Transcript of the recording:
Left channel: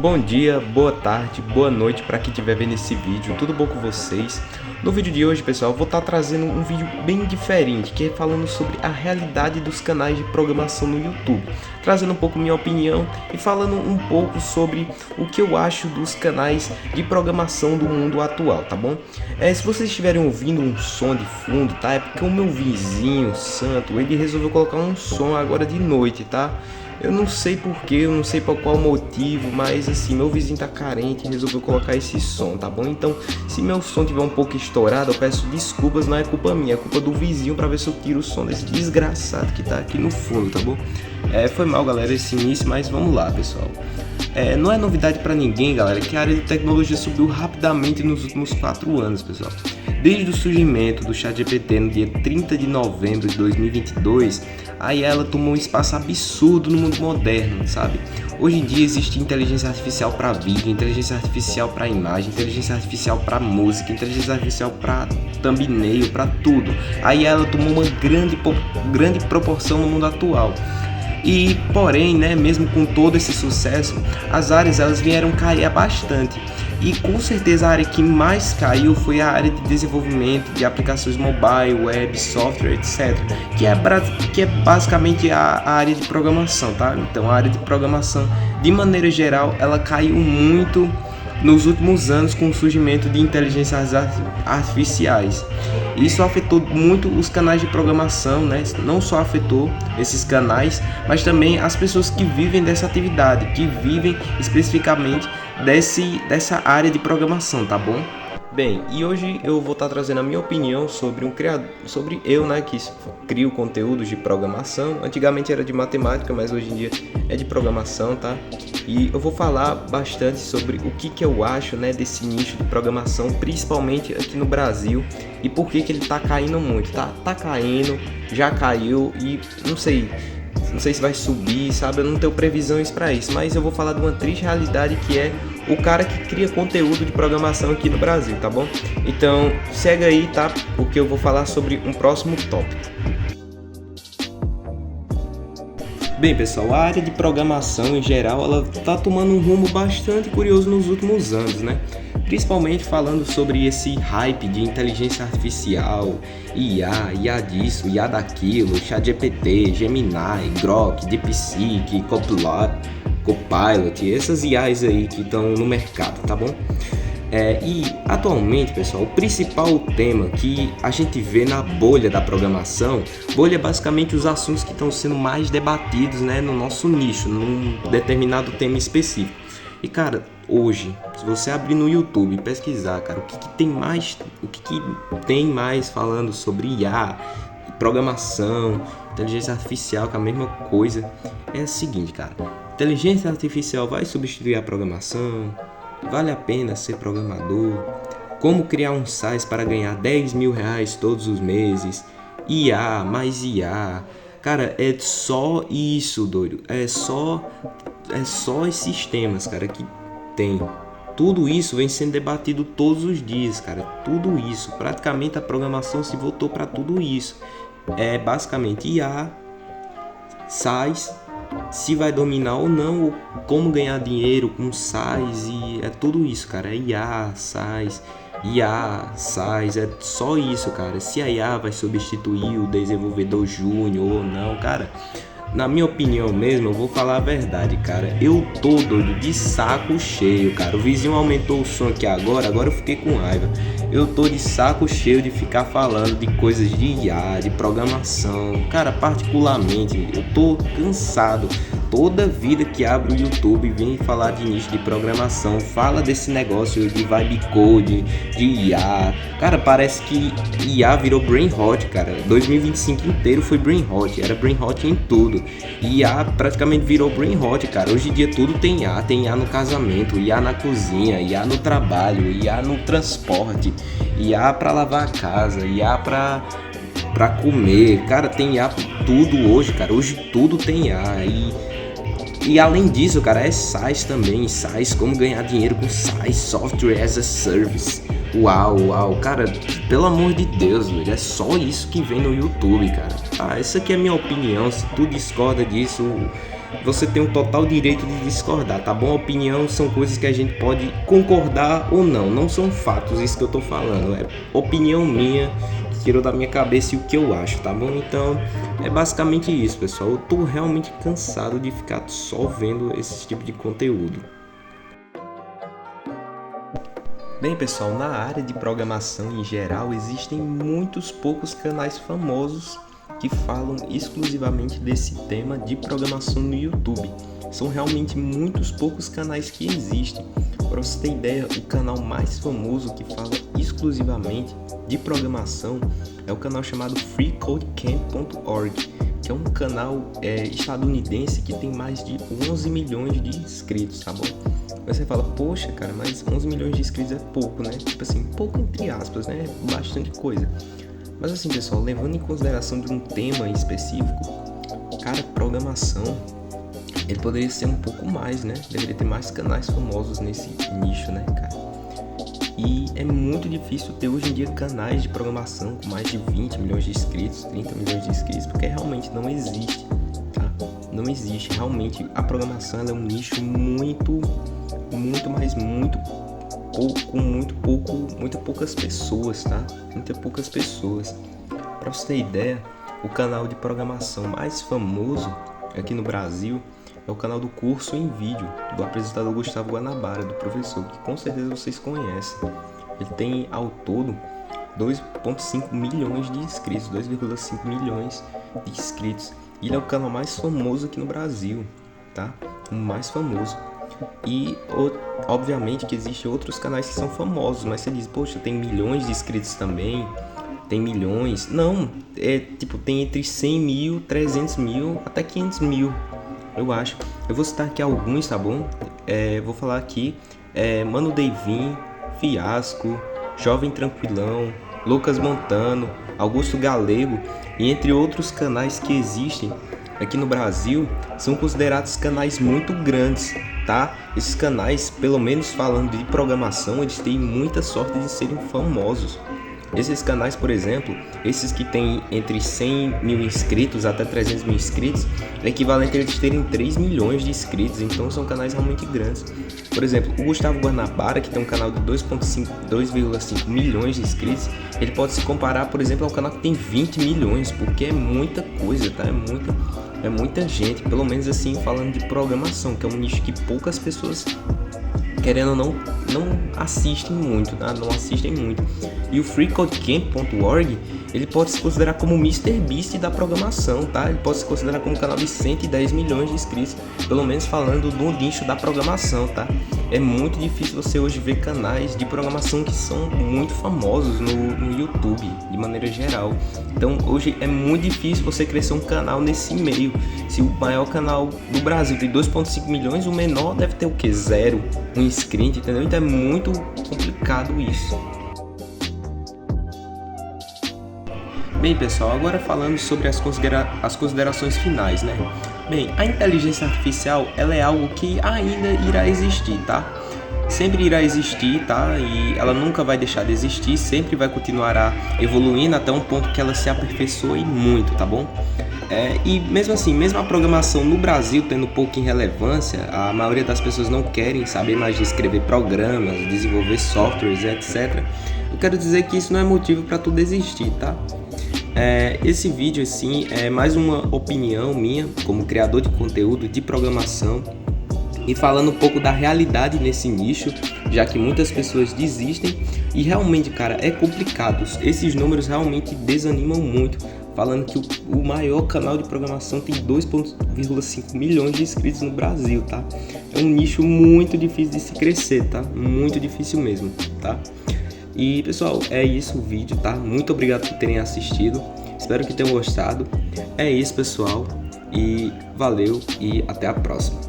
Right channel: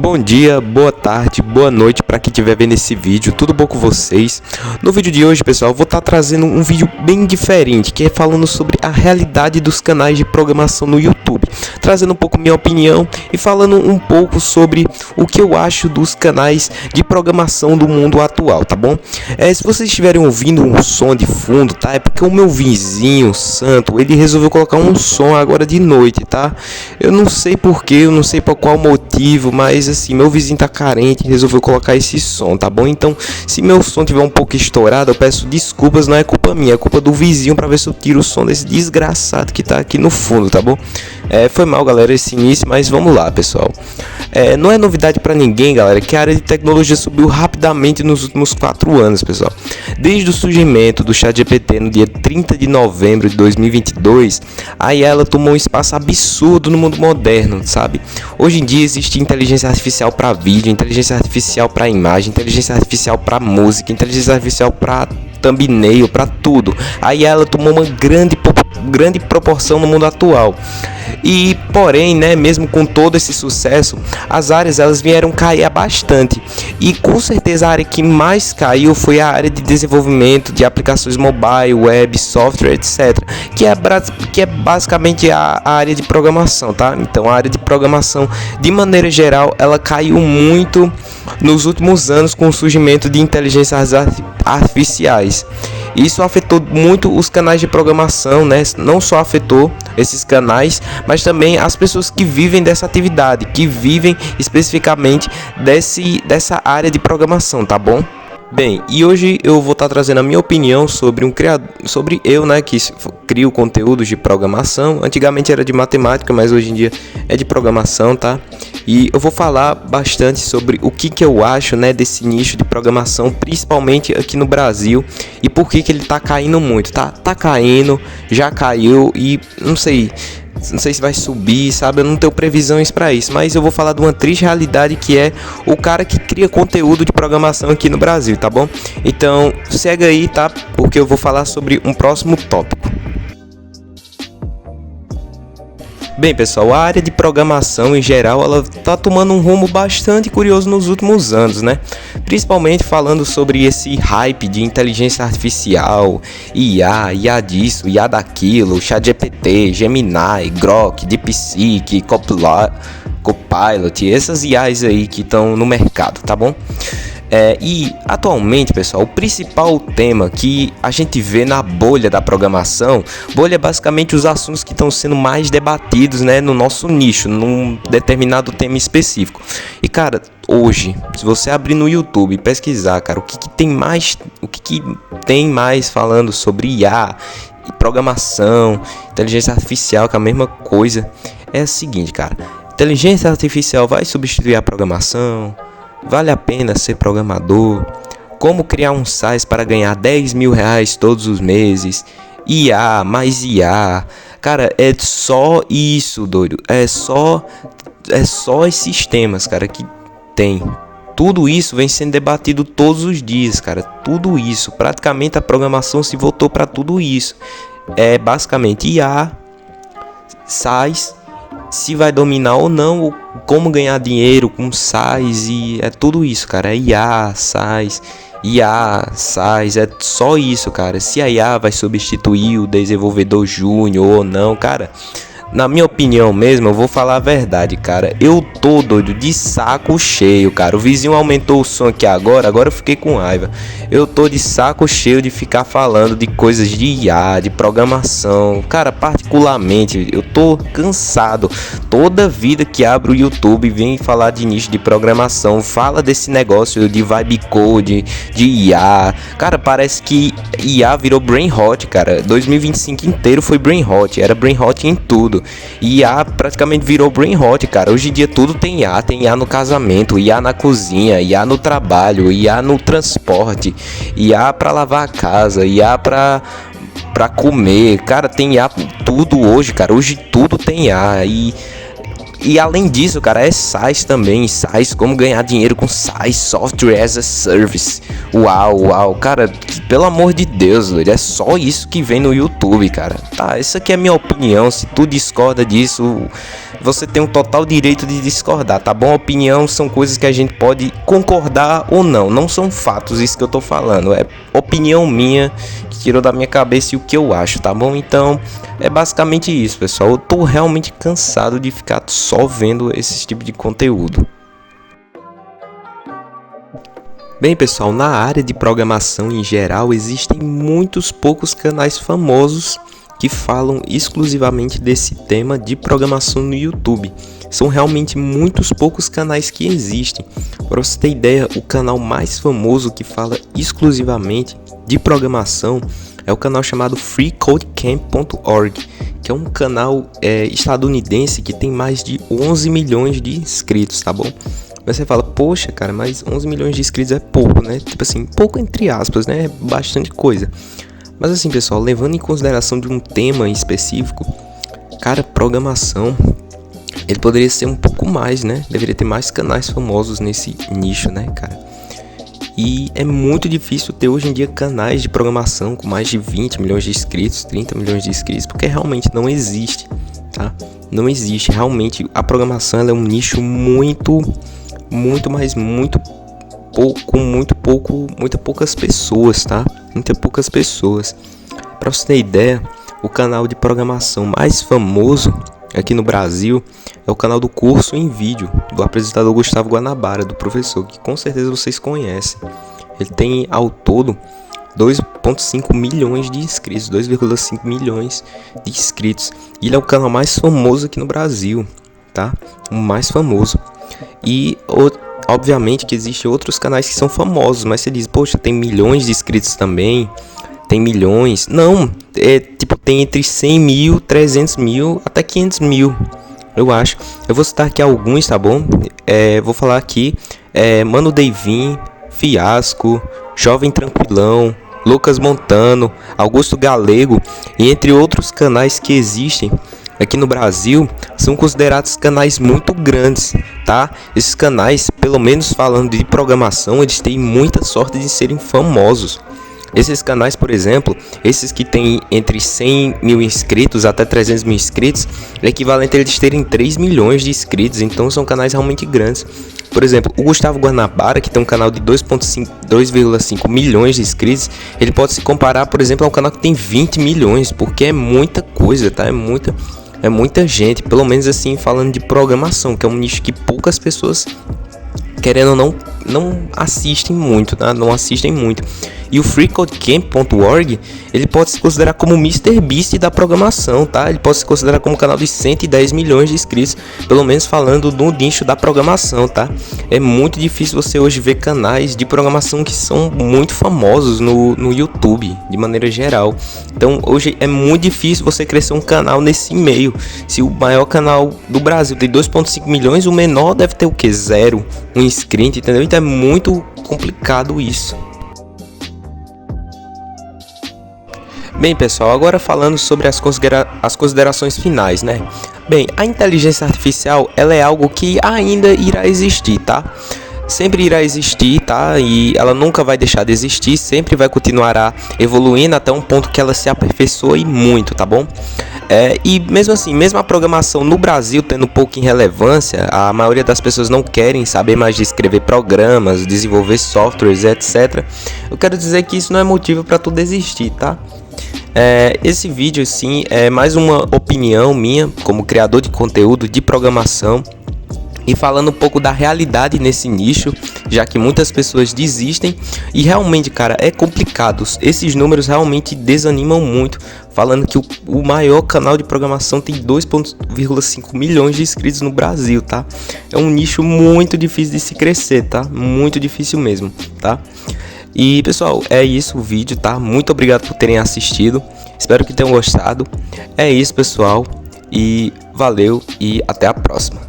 Bom dia, boa tarde, boa noite para quem estiver vendo esse vídeo, tudo bom com vocês? No vídeo de hoje, pessoal, eu vou estar trazendo um vídeo bem diferente, que é falando sobre a realidade dos canais de programação no YouTube, trazendo um pouco minha opinião e falando um pouco sobre o que eu acho dos canais de programação do mundo atual, tá bom? Se vocês estiverem ouvindo um som de fundo, tá? É porque o meu vizinho, Santo, ele resolveu colocar um som agora de noite, tá? Eu não sei porquê, eu não sei por qual motivo, mas assim, meu vizinho tá carente e resolveu colocar esse som, tá bom? Então, se meu som tiver um pouco estourado, eu peço desculpas, não é culpa minha, é culpa do vizinho, pra ver se eu tiro o som desse desgraçado que tá aqui no fundo, tá bom? Foi mal, galera, esse início, mas vamos lá, pessoal. Não é novidade pra ninguém, galera, que a área de tecnologia subiu rapidamente nos últimos 4 anos, pessoal. Desde o surgimento do ChatGPT no dia 30 de novembro de 2022, a IA ela tomou um espaço absurdo no mundo moderno, sabe? Hoje em dia existe inteligência artificial para vídeo, inteligência artificial para imagem, inteligência artificial para música, inteligência artificial para thumbnail, para tudo. A IA ela tomou uma grande proporção no mundo atual. E porém, né, mesmo com todo esse sucesso, as áreas elas vieram cair bastante. E com certeza a área que mais caiu foi a área de desenvolvimento de aplicações mobile, web, software, etc. Que é basicamente a área de programação, tá? Então a área de programação, de maneira geral, ela caiu muito nos últimos anos com o surgimento de inteligências artificiais. Isso afetou muito os canais de programação, né? Não só afetou esses canais, mas também as pessoas que vivem dessa atividade, que vivem especificamente dessa área de programação, tá bom? Bem, e hoje eu vou estar trazendo a minha opinião sobre sobre eu, né, que crio conteúdos de programação. Antigamente era de matemática, mas hoje em dia é de programação, tá? E eu vou falar bastante sobre o que eu acho, né, desse nicho de programação, principalmente aqui no Brasil, e por que ele tá caindo muito, tá caindo, já caiu e não sei se vai subir, sabe? Eu não tenho previsões para isso, mas eu vou falar de uma triste realidade que é o cara que cria conteúdo de programação aqui no Brasil, tá bom? Então, segue aí, tá? Porque eu vou falar sobre um próximo tópico. Bem, pessoal, a área de programação em geral, ela tá tomando um rumo bastante curioso nos últimos anos, né? Principalmente falando sobre esse hype de inteligência artificial, IA disso, IA daquilo, ChatGPT, Gemini, Grok, DeepSeek, Copilot, essas IAs aí que estão no mercado, tá bom? E atualmente, pessoal, o principal tema que a gente vê na bolha da programação, bolha é basicamente os assuntos que estão sendo mais debatidos, né, no nosso nicho, num determinado tema específico. E cara, hoje, se você abrir no YouTube e pesquisar, cara, o que tem mais falando sobre IA e programação, inteligência artificial, que é a mesma coisa, é o seguinte, cara: inteligência artificial vai substituir a programação? Vale a pena ser programador? Como criar um site para ganhar 10 mil reais todos os meses? IA, mais IA. Cara, é só isso, doido. É só esses temas, cara, que tem. Tudo isso vem sendo debatido todos os dias, cara. Tudo isso. Praticamente a programação se voltou para tudo isso. É basicamente IA, sites, se vai dominar ou não, como ganhar dinheiro com SaaS, e é tudo isso, cara. É IA, SaaS, é só isso, cara. Se a IA vai substituir o desenvolvedor júnior ou não, cara, na minha opinião mesmo, eu vou falar a verdade, cara. Eu tô doido de saco cheio, cara. O vizinho aumentou o som aqui agora eu fiquei com raiva. Eu tô de saco cheio de ficar falando de coisas de IA, de programação. Cara, particularmente, eu tô cansado. Toda vida que abro o YouTube vem falar de nicho de programação, fala desse negócio de vibe code, de IA. Cara, parece que IA virou brain rot, cara. 2025 inteiro foi brain rot, era brain rot em tudo. IA praticamente virou brain rot, cara. Hoje em dia tudo tem IA no casamento, IA na cozinha, IA no trabalho, IA no transporte, IA pra lavar a casa, IA pra comer. Cara, tem IA tudo hoje, cara. Hoje tudo tem IA. E além disso, cara, é SaaS também. SaaS, como ganhar dinheiro com SaaS, Software as a Service. Uau, uau, cara, pelo amor de Deus, doido, é só isso que vem no YouTube, cara. Tá, essa aqui é a minha opinião. Se tu discorda disso, você tem um total direito de discordar, tá bom? Opinião são coisas que a gente pode concordar ou não, não são fatos isso que eu tô falando, é opinião minha que tirou da minha cabeça e o que eu acho, tá bom? Então, é basicamente isso, pessoal. Eu tô realmente cansado de ficar só vendo esse tipo de conteúdo. Bem, pessoal, na área de programação em geral, existem muitos poucos canais famosos que falam exclusivamente desse tema de programação no YouTube. São realmente muitos poucos canais que existem. Para você ter ideia, o canal mais famoso que fala exclusivamente de programação é o canal chamado freecodecamp.org, que é um canal estadunidense que tem mais de 11 milhões de inscritos, tá bom? Você fala, poxa, cara, mas 11 milhões de inscritos é pouco, né? Tipo assim, pouco entre aspas, né? É bastante coisa. Mas assim, pessoal, levando em consideração de um tema específico, cara, programação, ele poderia ser um pouco mais, né? Deveria ter mais canais famosos nesse nicho, né, cara? E é muito difícil ter hoje em dia canais de programação com mais de 20 milhões de inscritos, 30 milhões de inscritos, porque realmente não existe, tá? Não existe. Realmente, a programação ela é um nicho muito poucas pessoas, tá? Muitas poucas pessoas. Para você ter ideia, o canal de programação mais famoso aqui no Brasil é o canal do Curso em Vídeo, do apresentador Gustavo Guanabara, do professor, que com certeza vocês conhecem. Ele tem ao todo 2,5 milhões de inscritos, 2,5 milhões de inscritos. E ele é o canal mais famoso aqui no Brasil, tá? O mais famoso. E obviamente que existem outros canais que são famosos, mas você diz, poxa, tem milhões de inscritos também, tem milhões. Não, tem entre 100 mil, 300 mil, até 500 mil, eu acho. Eu vou citar aqui alguns, tá bom? Vou falar aqui, Mano Deivin, Fiasco, Jovem Tranquilão, Lucas Montano, Augusto Galego, e entre outros canais que existem aqui no Brasil, são considerados canais muito grandes, tá? Esses canais, pelo menos falando de programação, eles têm muita sorte de serem famosos. Esses canais, por exemplo, esses que têm entre 100 mil inscritos até 300 mil inscritos, é equivalente a eles terem 3 milhões de inscritos, então são canais realmente grandes. Por exemplo, o Gustavo Guanabara, que tem um canal de 2,5 milhões de inscritos, ele pode se comparar, por exemplo, ao canal que tem 20 milhões, porque é muita coisa, tá? É muita gente, pelo menos assim, falando de programação, que é um nicho que poucas pessoas, querendo ou não assistem muito, tá? Não assistem muito. E o freecodecamp.org, ele pode se considerar como o MrBeast da programação, tá? Ele pode se considerar como um canal de 110 milhões de inscritos, pelo menos falando do nicho da programação, tá? É muito difícil você hoje ver canais de programação que são muito famosos no YouTube, de maneira geral. Então, hoje é muito difícil você crescer um canal nesse meio. Se o maior canal do Brasil tem 2,5 milhões, o menor deve ter o quê? 0, um inscrito, entendeu? Então é muito complicado isso. Bem, pessoal, agora falando sobre as considerações finais, né? Bem, a inteligência artificial, ela é algo que ainda irá existir, tá? Sempre irá existir, tá? E ela nunca vai deixar de existir, sempre vai continuar evoluindo até um ponto que ela se aperfeiçoe muito, tá bom? E mesmo assim, mesmo a programação no Brasil tendo pouca relevância, a maioria das pessoas não querem saber mais de escrever programas, desenvolver softwares, etc. Eu quero dizer que isso não é motivo para tu desistir, tá? Esse vídeo sim é mais uma opinião minha como criador de conteúdo de programação e falando um pouco da realidade nesse nicho, já que muitas pessoas desistem e realmente, cara, é complicado. Esses números realmente desanimam muito, falando que o maior canal de programação tem 2,5 milhões de inscritos no Brasil, tá? É um nicho muito difícil de se crescer, tá? Muito difícil mesmo, tá? E pessoal, é isso o vídeo, tá? Muito obrigado por terem assistido. Espero que tenham gostado. É isso, pessoal. E valeu e até a próxima.